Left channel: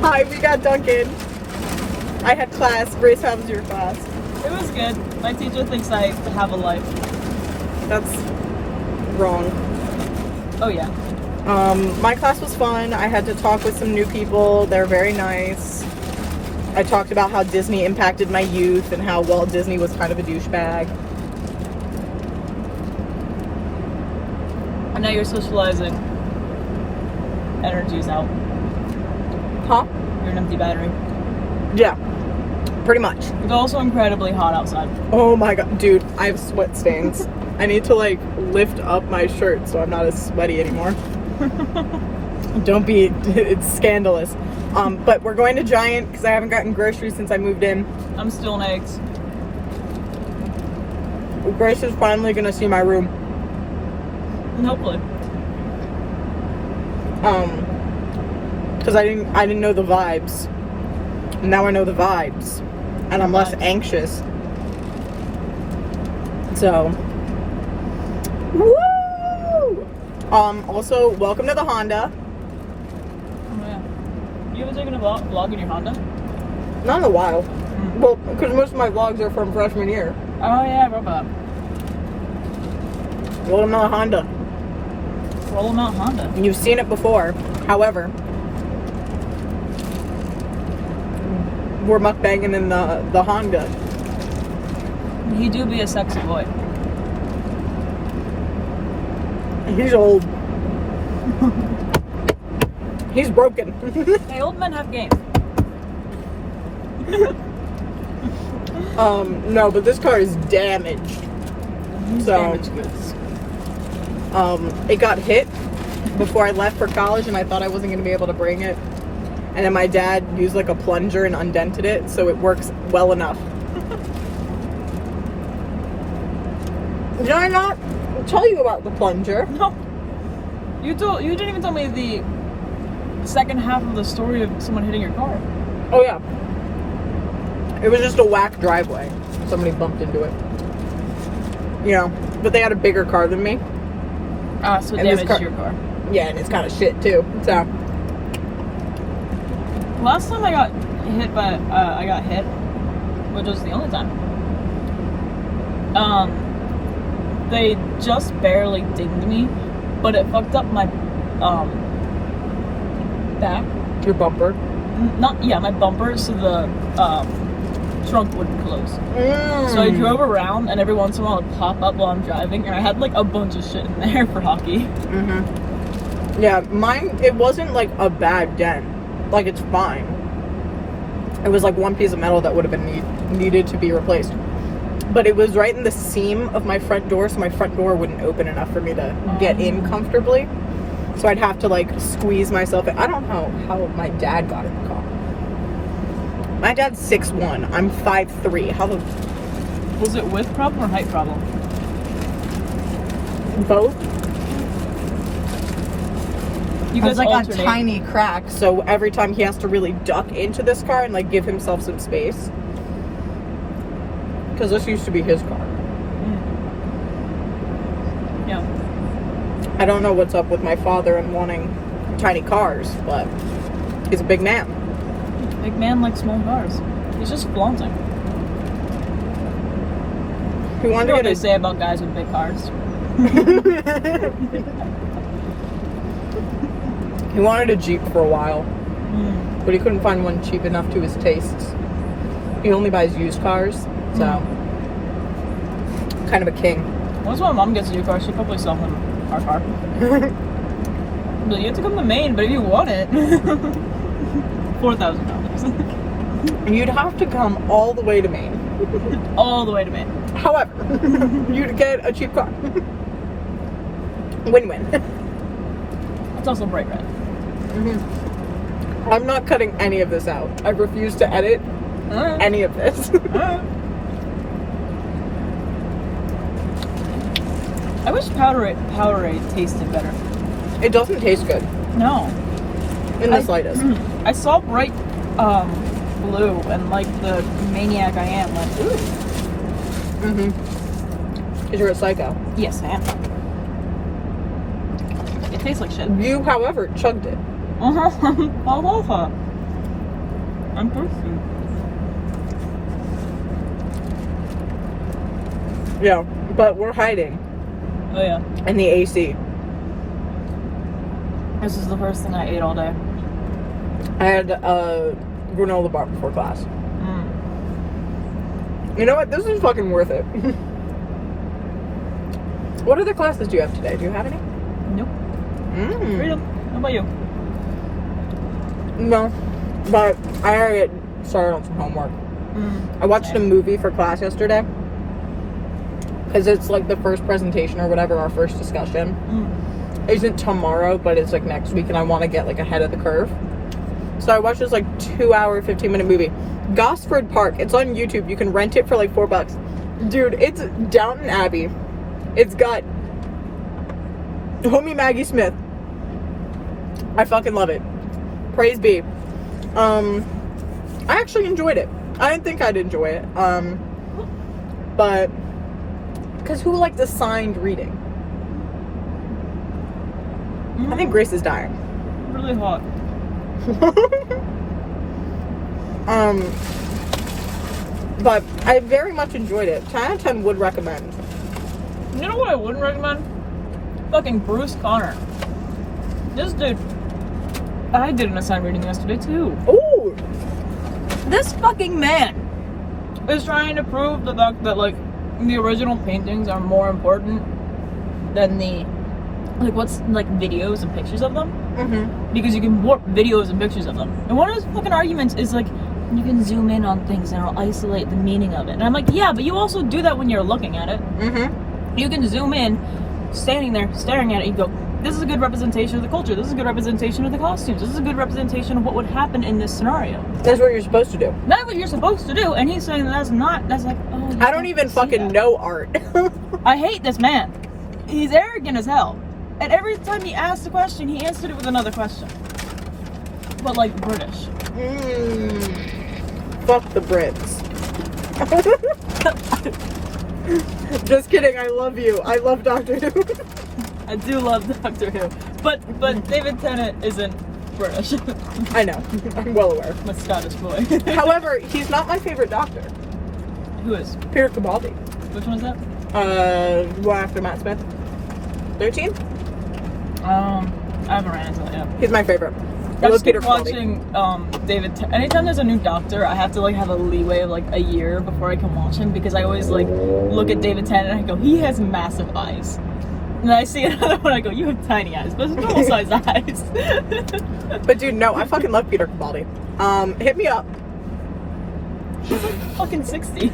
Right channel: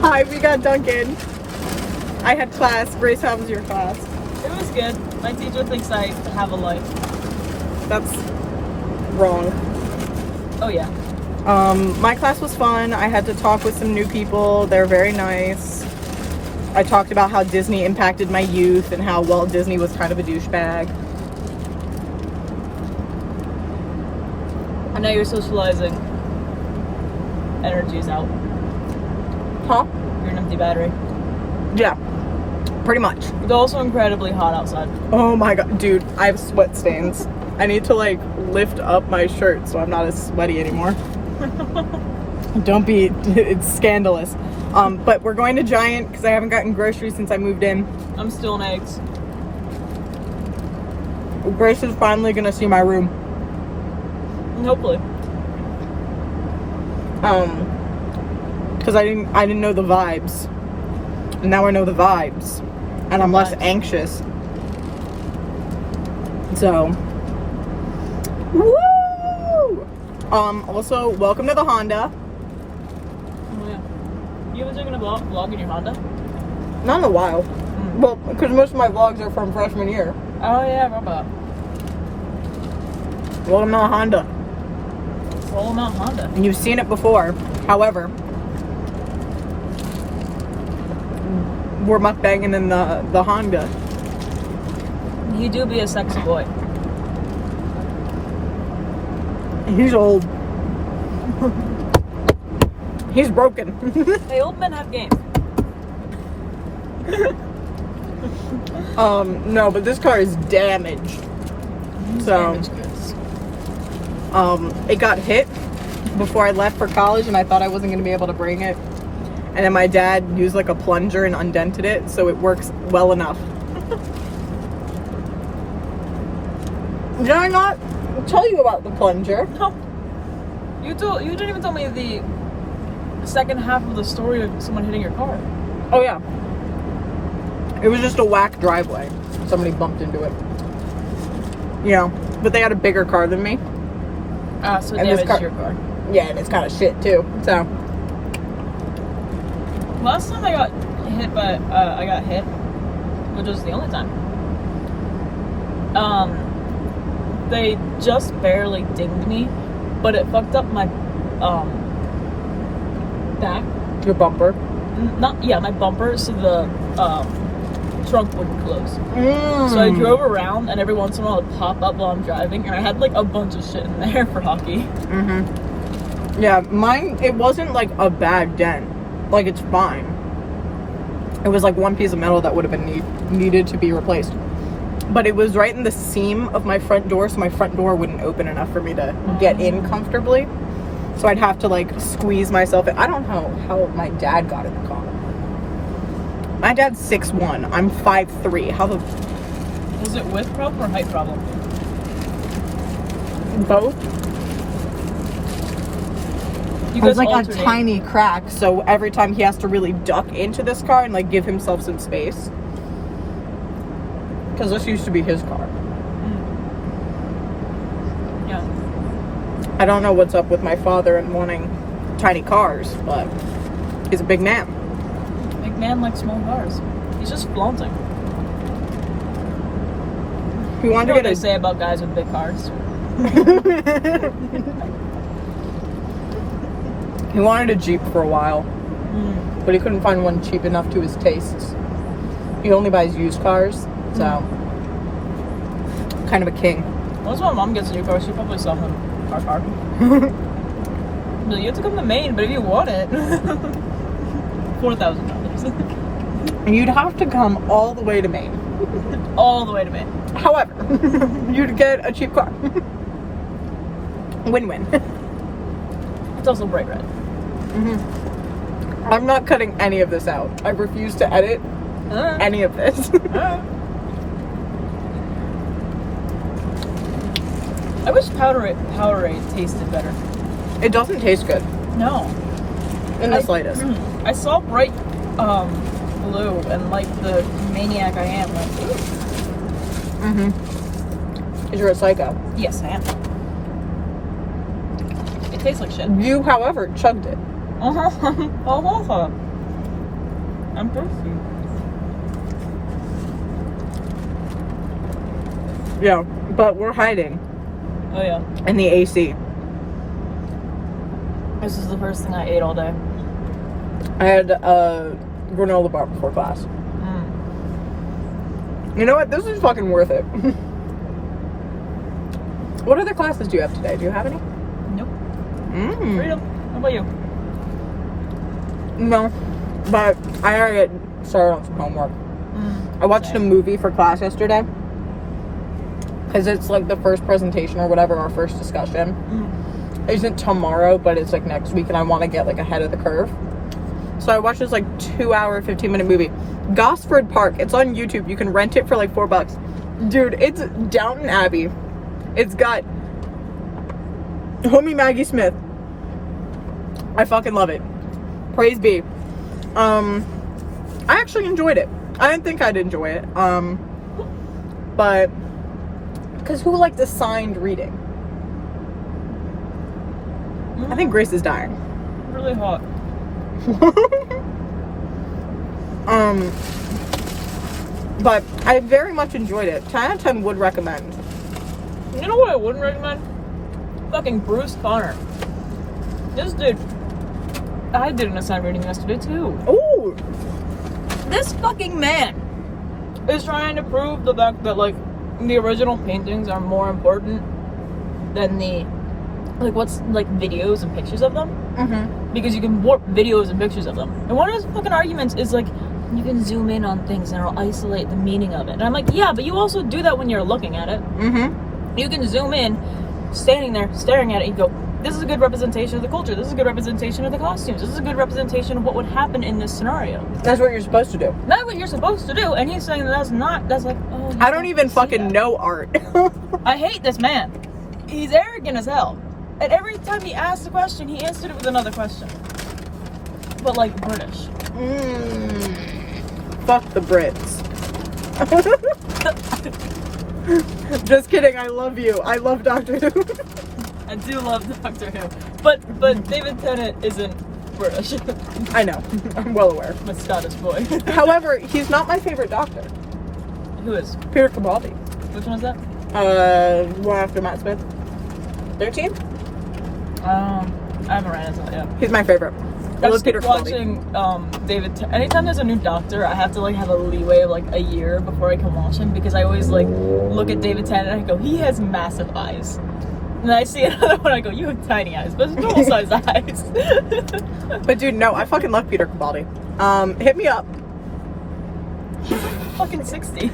Hi, we got Dunkin. I had class. Grace, how was your class? It was good. My teacher thinks I have a life. That's wrong. Oh yeah. My class was fun. I had to talk with some new people. They're very nice. I talked about how Disney impacted my youth and how Walt Disney was kind of a douchebag. And now you're socializing. Energy's out. Huh? You're an empty battery. Yeah. Pretty much. It's also incredibly hot outside. Oh my god, dude, I have sweat stains. I need to like lift up my shirt so I'm not as sweaty anymore. Don't be, it's scandalous. But we're going to Giant because I haven't gotten groceries since I moved in. I'm still in eggs. Grace is finally gonna see my room. Hopefully. Because I didn't know the vibes. And now I know the vibes. And I'm less anxious. So, woo! Also, welcome to the Honda. Oh yeah. You haven't taken a vlog in your Honda? Not in a while. Well, because most of my vlogs are from freshman year. Oh yeah, I remember that. Welcome to the Honda. Roll Mount Honda. And you've seen it before. However, we're mukbanging in the Honda. You do be a sexy boy. He's old. He's broken. The old men have game. No, but this car is damaged. So, Damaged goods. it got hit before I left for college, and I thought I wasn't going to be able to bring it. And then my dad used like a plunger and undented it, so it works well enough. Did I not tell you about the plunger? No. You didn't even tell me the second half of the story of someone hitting your car. Oh yeah. It was just a whack driveway. Somebody bumped into it. You know, but they had a bigger car than me. So it And this damaged your car. Yeah, and it's kind of shit too. So. Last time I got hit, which was the only time. They just barely dinged me, but it fucked up my back. Your bumper. My bumper, so the trunk wouldn't close. Mm. So I drove around, and every once in a while it'd pop up while I'm driving, and I had like a bunch of shit in there for hockey. Mm-hmm. Yeah, mine, it wasn't like a bad dent. Like, it's fine. It was like one piece of metal that would have been needed to be replaced. But it was right in the seam of my front door, so my front door wouldn't open enough for me to get in comfortably. So I'd have to like squeeze myself in. I don't know how my dad got in the car. My dad's 6'1". I'm 5'3". How the... Was it width problem or height problem? Both? You It was guys like alternate. a tiny crack, so every time he has to really duck into this car and like give himself some space. Because this used to be his car. Yeah. I don't know what's up with my father and wanting tiny cars, but he's a big man. Big man likes small cars. He's just flaunting. He You wanted know to what they get say about guys with big cars? He wanted a Jeep for a while, but he couldn't find one cheap enough to his tastes. He only buys used cars, so kind of a king. Once my mom gets a new car, she'll probably sell him our car. But you have to come to Maine, but if you want it, $4,000. You'd have to come all the way to Maine. All the way to Maine. However, you'd get a cheap car. Win-win. It's also bright red. I'm not cutting any of this out. I refuse to edit any of this. I wish Powerade tasted better. It doesn't taste good No. in the slightest. I saw bright blue, and like the maniac I am, went, ooh. Because you're a psycho. Yes, I am. It tastes like shit. You, however, chugged it. I'm thirsty. Yeah, but we're hiding Oh yeah. in the AC. This is the first thing I ate all day. I had a granola bar before class. You know what? This is fucking worth it. What other classes do you have today? Do you have any? Nope. Freedom. How about you? No, but I gotta get started on some homework. I watched a movie for class yesterday because it's like the first presentation or whatever, our first discussion. Isn't tomorrow, but it's like next week, and I want to get like ahead of the curve. So I watched this like 2-hour, 15-minute movie, Gosford Park. It's on YouTube. You can rent it for like $4. Dude, it's Downton Abbey. It's got homie Maggie Smith. I fucking love it. Praise be. I actually enjoyed it. I didn't think I'd enjoy it. But because who likes assigned reading? I think Grace is dying. Really hot. But I very much enjoyed it. 10 out of 10 would recommend. You know what I wouldn't recommend? Fucking Bruce Connor. This dude. I did an assigned reading yesterday too. Ooh! This fucking man is trying to prove the fact that like the original paintings are more important than the videos and pictures of them. Because you can warp videos and pictures of them. And one of his fucking arguments is like, you can zoom in on things and it'll isolate the meaning of it. And I'm like, yeah, but you also do that when you're looking at it. You can zoom in, standing there, staring at it, and go, this is a good representation of the culture. This is a good representation of the costumes. This is a good representation of what would happen in this scenario. That's what you're supposed to do. That's what you're supposed to do. And he's saying that's not. That's like, oh. I don't even fucking know art. I hate this man. He's arrogant as hell. And every time he asked the question, he answered it with another question. But like British. Fuck the Brits. Just kidding, I love you. I love Doctor Who. I do love Doctor Who. But David Tennant isn't British. I know. I'm well aware. I'm a Scottish boy. However, he's not my favorite Doctor. Who is? Peter Capaldi. Which one is that? One after Matt Smith. 13? I haven't ran into that yet. He's my favorite. I just keep watching David. Anytime there's a new Doctor, I have to like have a leeway of like a year before I can watch him because I always like look at David Tennant and I go, he has massive eyes. And I see another one, I go, you have tiny eyes, but it's normal sized eyes. But dude, no, I fucking love Peter Capaldi. Hit me up. He's like fucking 60.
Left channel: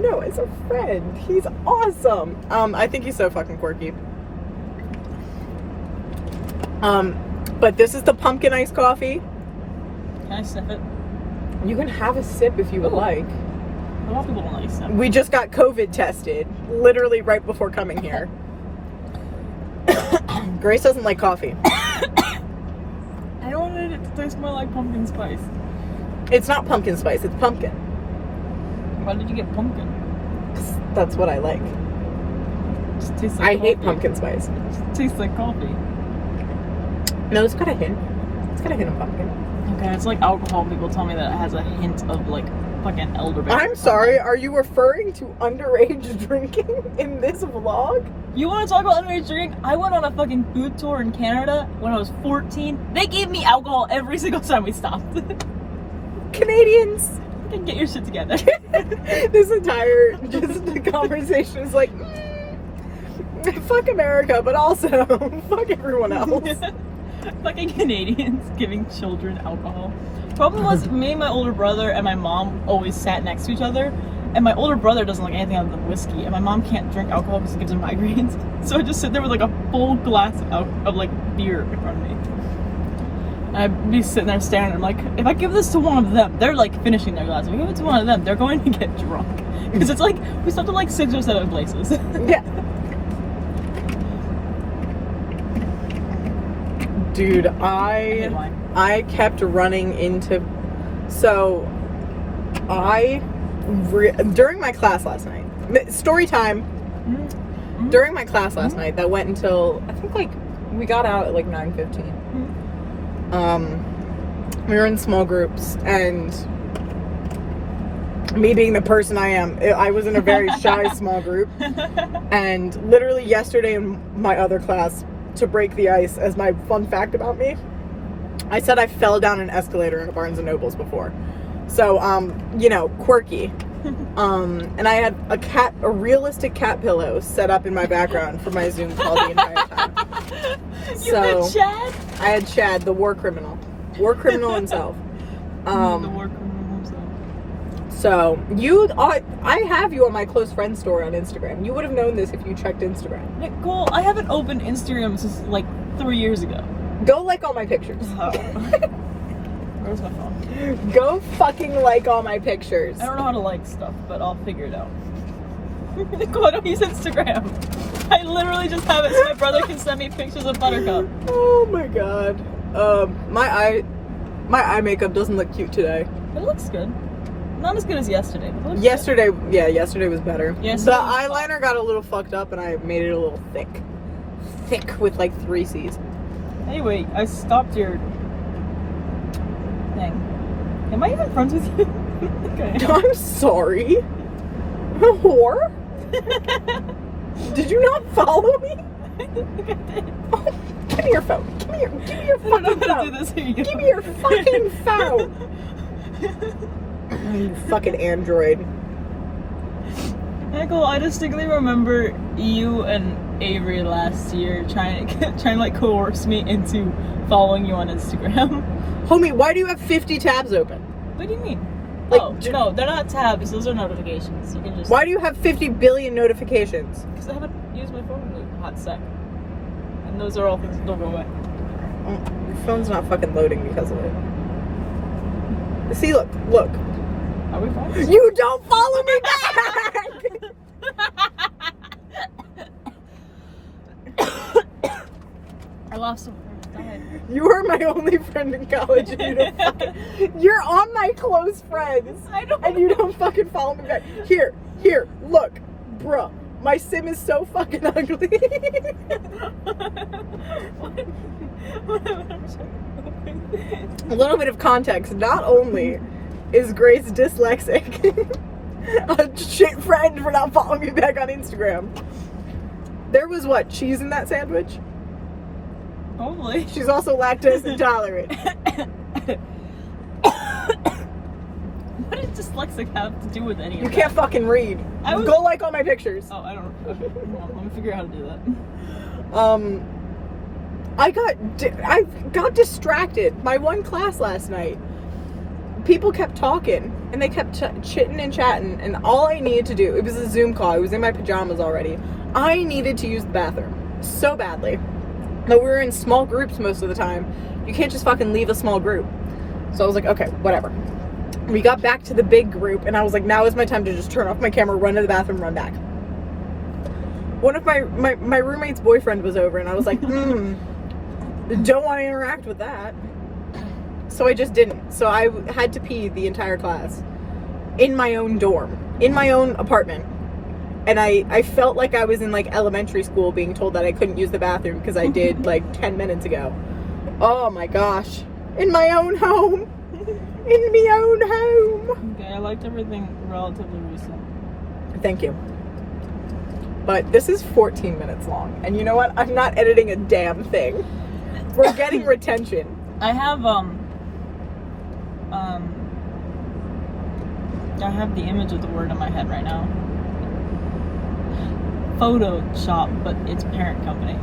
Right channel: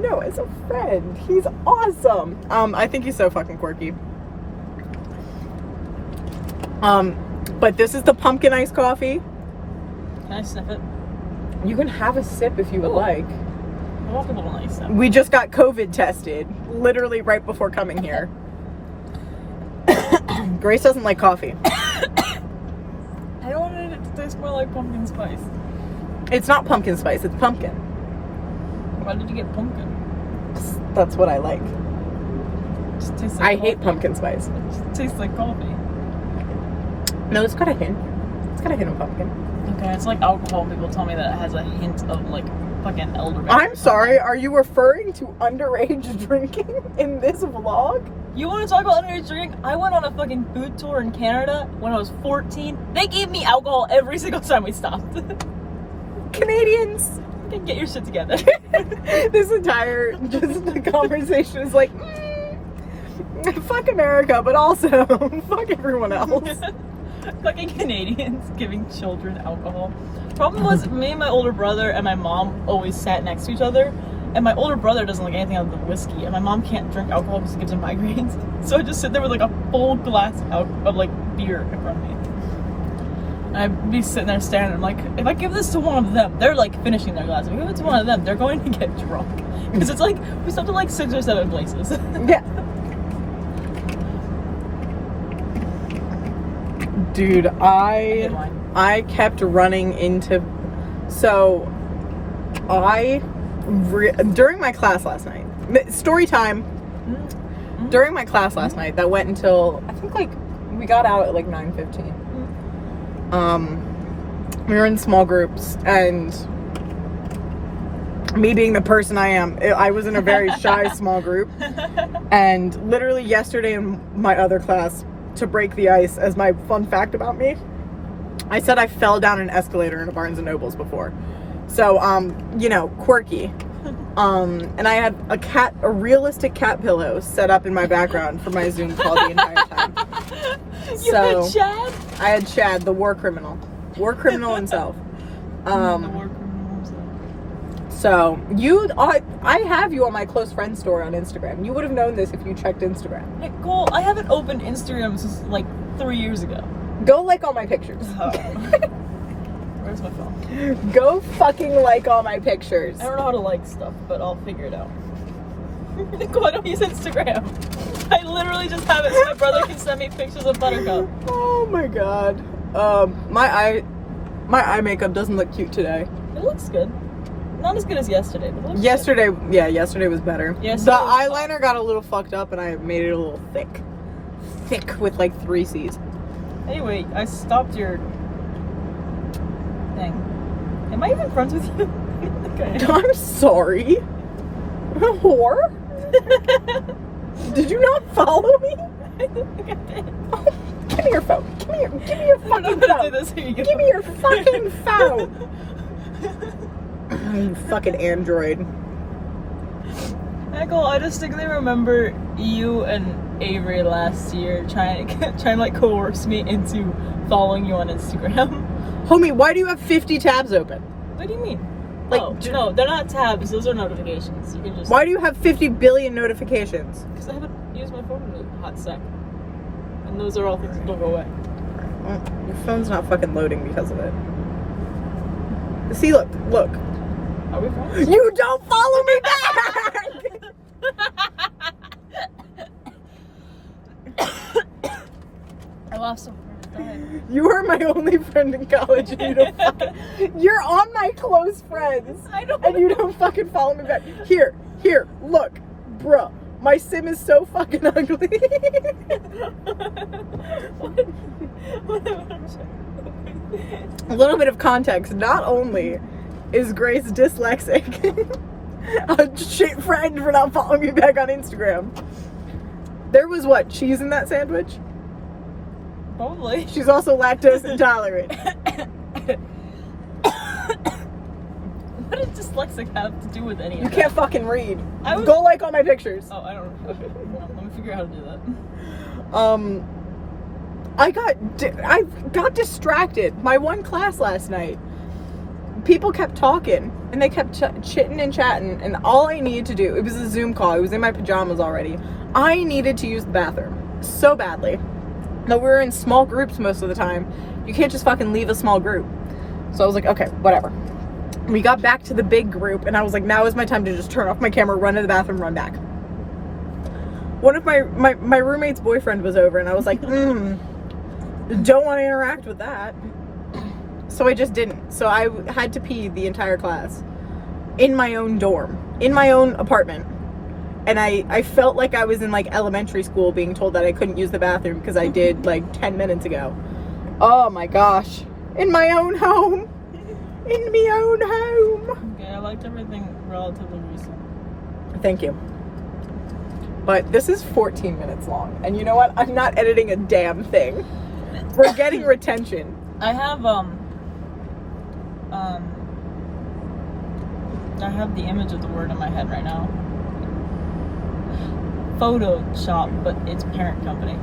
No, as a friend, he's awesome. I think he's so fucking quirky. But this is the pumpkin iced coffee. Can I sniff it? You can have a sip if you would like. A lot of people don't like sip. We just got COVID tested, literally right before coming here. Grace doesn't like coffee. I don't want it to taste more like pumpkin spice. It's not pumpkin spice, it's pumpkin. Why did you get pumpkin? That's what I like. It tastes like I coffee. hate pumpkin spice. It tastes like coffee. No, it's got a hint. It's got a hint of pumpkin. Okay, it's like alcohol. People tell me that it has a hint of like fucking elderberry. I'm sorry, are you referring to underage drinking in this vlog? You want to talk about underage drinking? I went on a fucking food tour in Canada when I was 14. They gave me alcohol every single time we stopped. Canadians! Get your shit together. This entire conversation is like, fuck America, but also fuck everyone else. Fucking Canadians giving children alcohol. Problem was, me and my older brother and my mom always sat next to each other, and my older brother doesn't like anything other than whiskey, and my mom can't drink alcohol because it gives her migraines. So I just sit there with like a full glass of like beer in front of me. And I'd be sitting there staring, and I'm like, if I give this to one of them, they're like finishing their glass. If I give it to one of them, they're going to get drunk. Because it's like, we stopped at like 6 or 7 places. Yeah. Dude, I kept running into, so during my class last night, story time, during my class last night that went until I think like we got out at like 9:15. We were in small groups, and me being the person I am, I was in a very shy small group. And literally yesterday in my other class, to break the ice, as my fun fact about me, I said I fell down an escalator in a Barnes and Nobles before. So, you know, quirky. And I had a realistic cat pillow set up in my background for my Zoom call the entire time. You had Chad? I had Chad, the war criminal himself. The war criminal himself. So, I have you on my close friend story on Instagram. You would have known this if you checked Instagram. Nicole, I haven't opened Instagram since like 3 years ago. Go like all my pictures. Where's my phone? Go fucking like all my pictures. I don't know how to like stuff, but I'll figure it out. Nicole, I don't use Instagram. I literally just have it so my brother can send me pictures of Buttercup. Oh my god. My eye makeup doesn't look cute today. It looks good. Not as good as yesterday, but it looks yesterday was better. Yesterday the eyeliner got a little fucked up and I made it a little thick. Thick with like 3 C's. Anyway, I stopped your thing. Am I even friends with you? Okay. I'm sorry. Whore? Did you not follow me? I think I did. Oh, give me your phone. Give me your fucking phone. Do this. Here you go. Give me your fucking phone. You fucking android. Michael, I distinctly remember you and Avery last year trying to like coerce me into following you on Instagram. Homie, why do you have 50 tabs open? What do you mean? Like, oh, no, they're not tabs. Those are notifications. You can just. Why do you have 50 billion notifications? Because I haven't used my phone in a hot sec. And those are all things that don't go away. Oh, your phone's not fucking loading because of it. See, look. Are we friends? You don't follow me back! I lost some friends. You were my only friend in college and you don't fucking... You're on my close friends. I don't and you don't fucking follow me back. Here, look. Bruh, my sim is so fucking ugly. A little bit of context. Not only is Grace dyslexic, a shit friend for not following me back on Instagram. There was what? Cheese in that sandwich? Probably. She's also lactose intolerant. What does dyslexic have to do with any of You that? can't fucking read. Go like all my pictures. Oh, I don't. Okay, no, let me figure out how to do that. I got distracted. My one class last night, people kept talking and they kept chitting and chatting, and all I needed to do, it was a Zoom call. I was in my pajamas already. I needed to use the bathroom so badly. Though we were in small groups most of the time, you can't just fucking leave a small group. So I was like, okay, whatever. We got back to the big group, and I was like, now is my time to just turn off my camera, run to the bathroom, run back. One of my roommate's boyfriend was over, and I was like, don't want to interact with that. So I just didn't. So I had to pee the entire class in my own dorm, in my own apartment. And I felt like I was in like elementary school being told that I couldn't use the bathroom because I did like 10 minutes ago. Oh my gosh. In my own home. In my own home. Okay, I liked everything relatively recent. Thank you. But this is 14 minutes long. And you know what? I'm not editing a damn thing. We're getting retention. I have the image of the word in my head right now. Photoshop, but it's parent company.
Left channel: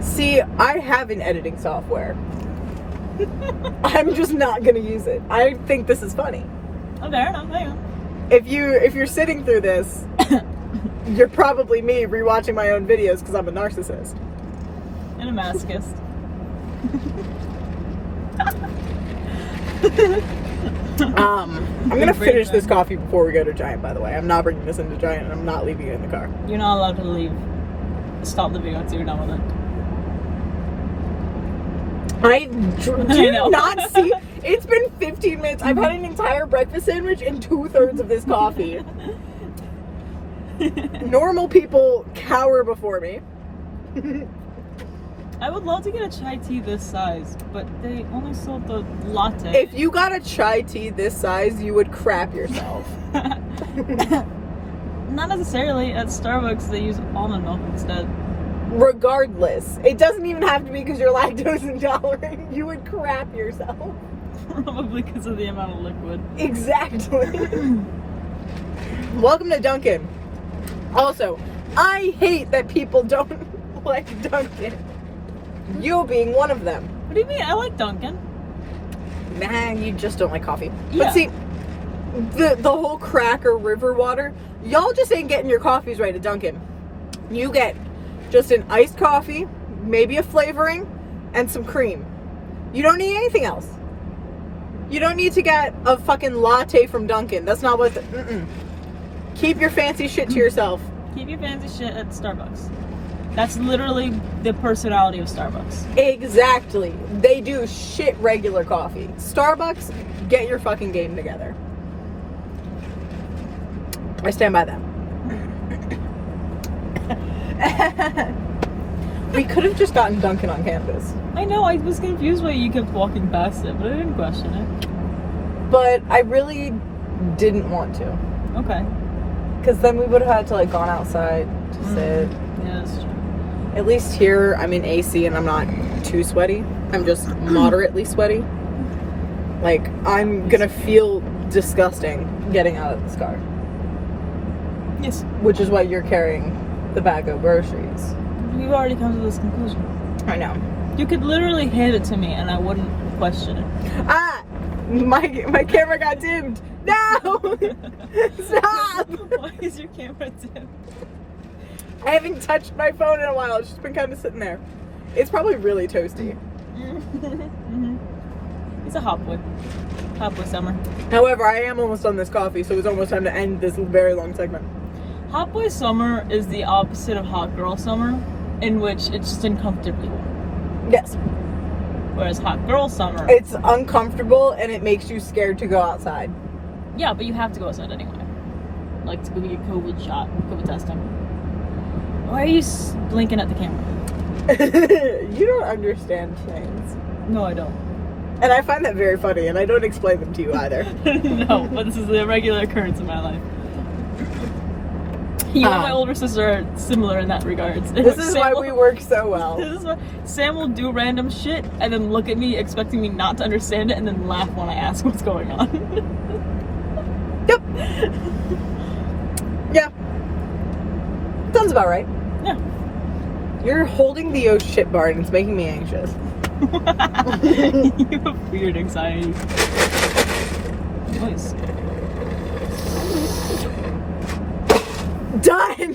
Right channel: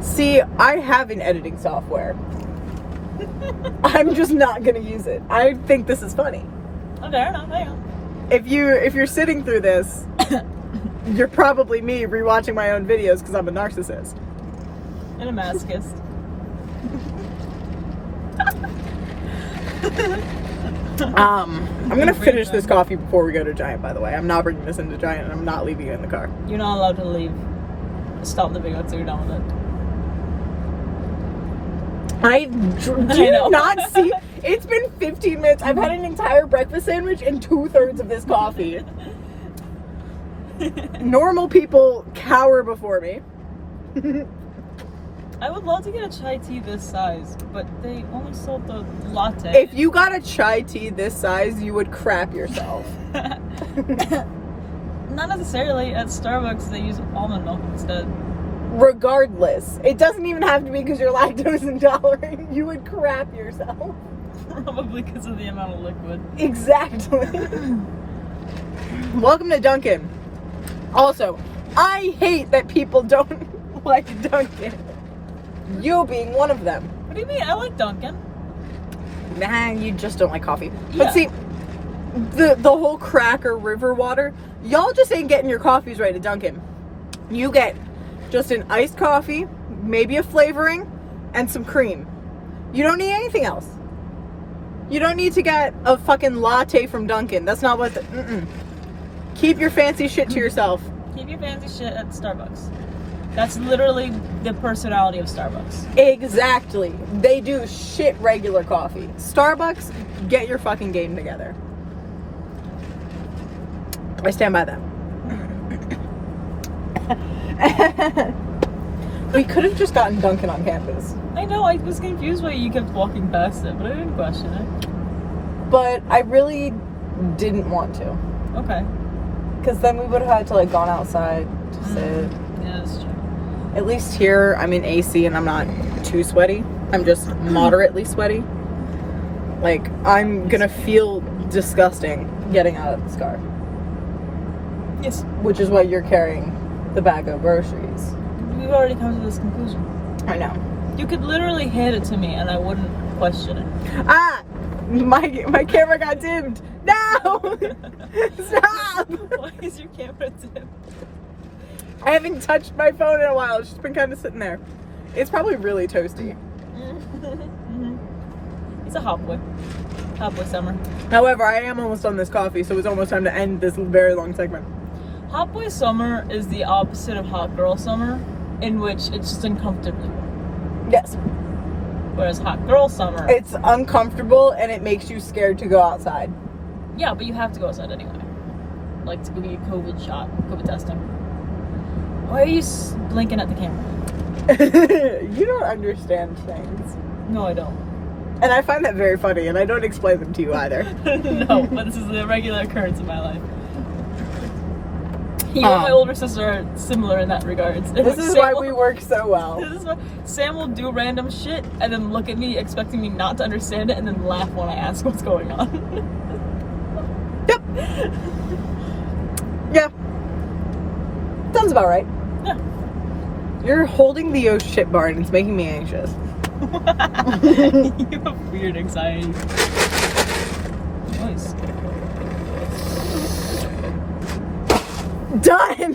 See, I have an editing software. I'm just not gonna use it. I think this is funny. Oh, fair enough. Hang on. If you're sitting through this, you're probably me rewatching my own videos because I'm a narcissist. And a masochist. I'm gonna finish this coffee before we go to Giant, by the way. I'm not bringing this into Giant, and I'm not leaving it in the car. You're not allowed to leave. Stop the video until you're done with it. Do you not see? It's been 15 minutes. I've had an entire breakfast sandwich and 2/3 of this coffee. Normal people cower before me. I would love to get a chai tea this size, but they only sold the latte. If you got a chai tea this size, you would crap yourself. Not necessarily. At Starbucks, they use almond milk instead. Regardless, it doesn't even have to be because you're lactose intolerant. You would crap yourself. Probably because of the amount of liquid. Exactly. Welcome to Dunkin. Also, I hate that people don't like Dunkin. You being one of them. What do you mean? I like Dunkin'. Nah, you just don't like coffee. Yeah. But see, the whole cracker river water, y'all just ain't getting your coffees right at Dunkin'. You get just an iced coffee, maybe a flavoring, and some cream. You don't need anything else. You don't need to get a fucking latte from Dunkin'. That's not what Keep your fancy shit to yourself. Keep your fancy shit at Starbucks. That's literally the personality of Starbucks. Exactly. They do shit regular coffee. Starbucks, get your fucking game together. I stand by them. We could have just gotten Dunkin' on campus. I know, I was confused why you kept walking past it, but I didn't question it. But I really didn't want to. Okay. Because then we would have had to like gone outside to sit. Yeah, that's true. At least here I'm in AC and I'm not too sweaty. I'm just moderately sweaty. Like, I'm gonna feel disgusting getting out of this car. Yes. Which is why you're carrying the bag of groceries. We've already come to this conclusion. I know. You could literally hand it to me and I wouldn't question it. Ah! My camera got dimmed. No! Stop! Why is your camera dim? I haven't touched my phone in a while. It's just been kind of sitting there. It's probably really toasty. It's a hot boy. Hot boy summer. However, I am almost done this coffee, so it's almost time to end this very long segment. Hot boy summer is the opposite of hot girl summer, in which it's just uncomfortably warm. Yes. Whereas hot girl summer... It's uncomfortable and it makes you scared to go outside. Yeah, but you have to go outside anyway. Like to go get your COVID shot, COVID testing. Why are you blinking at the camera? You don't understand things. No, I don't. And I find that very funny, and I don't explain them to you either. No, but this is a regular occurrence in my life. You and my older sister are similar in that regards. This is why we work so well. This is why Sam will do random shit and then look at me expecting me not to understand it and then laugh when I ask what's going on. Yep. Yeah. Sounds about right. Yeah. You're holding the oh shit bar and it's making me anxious. You have weird anxiety. Nice. Done!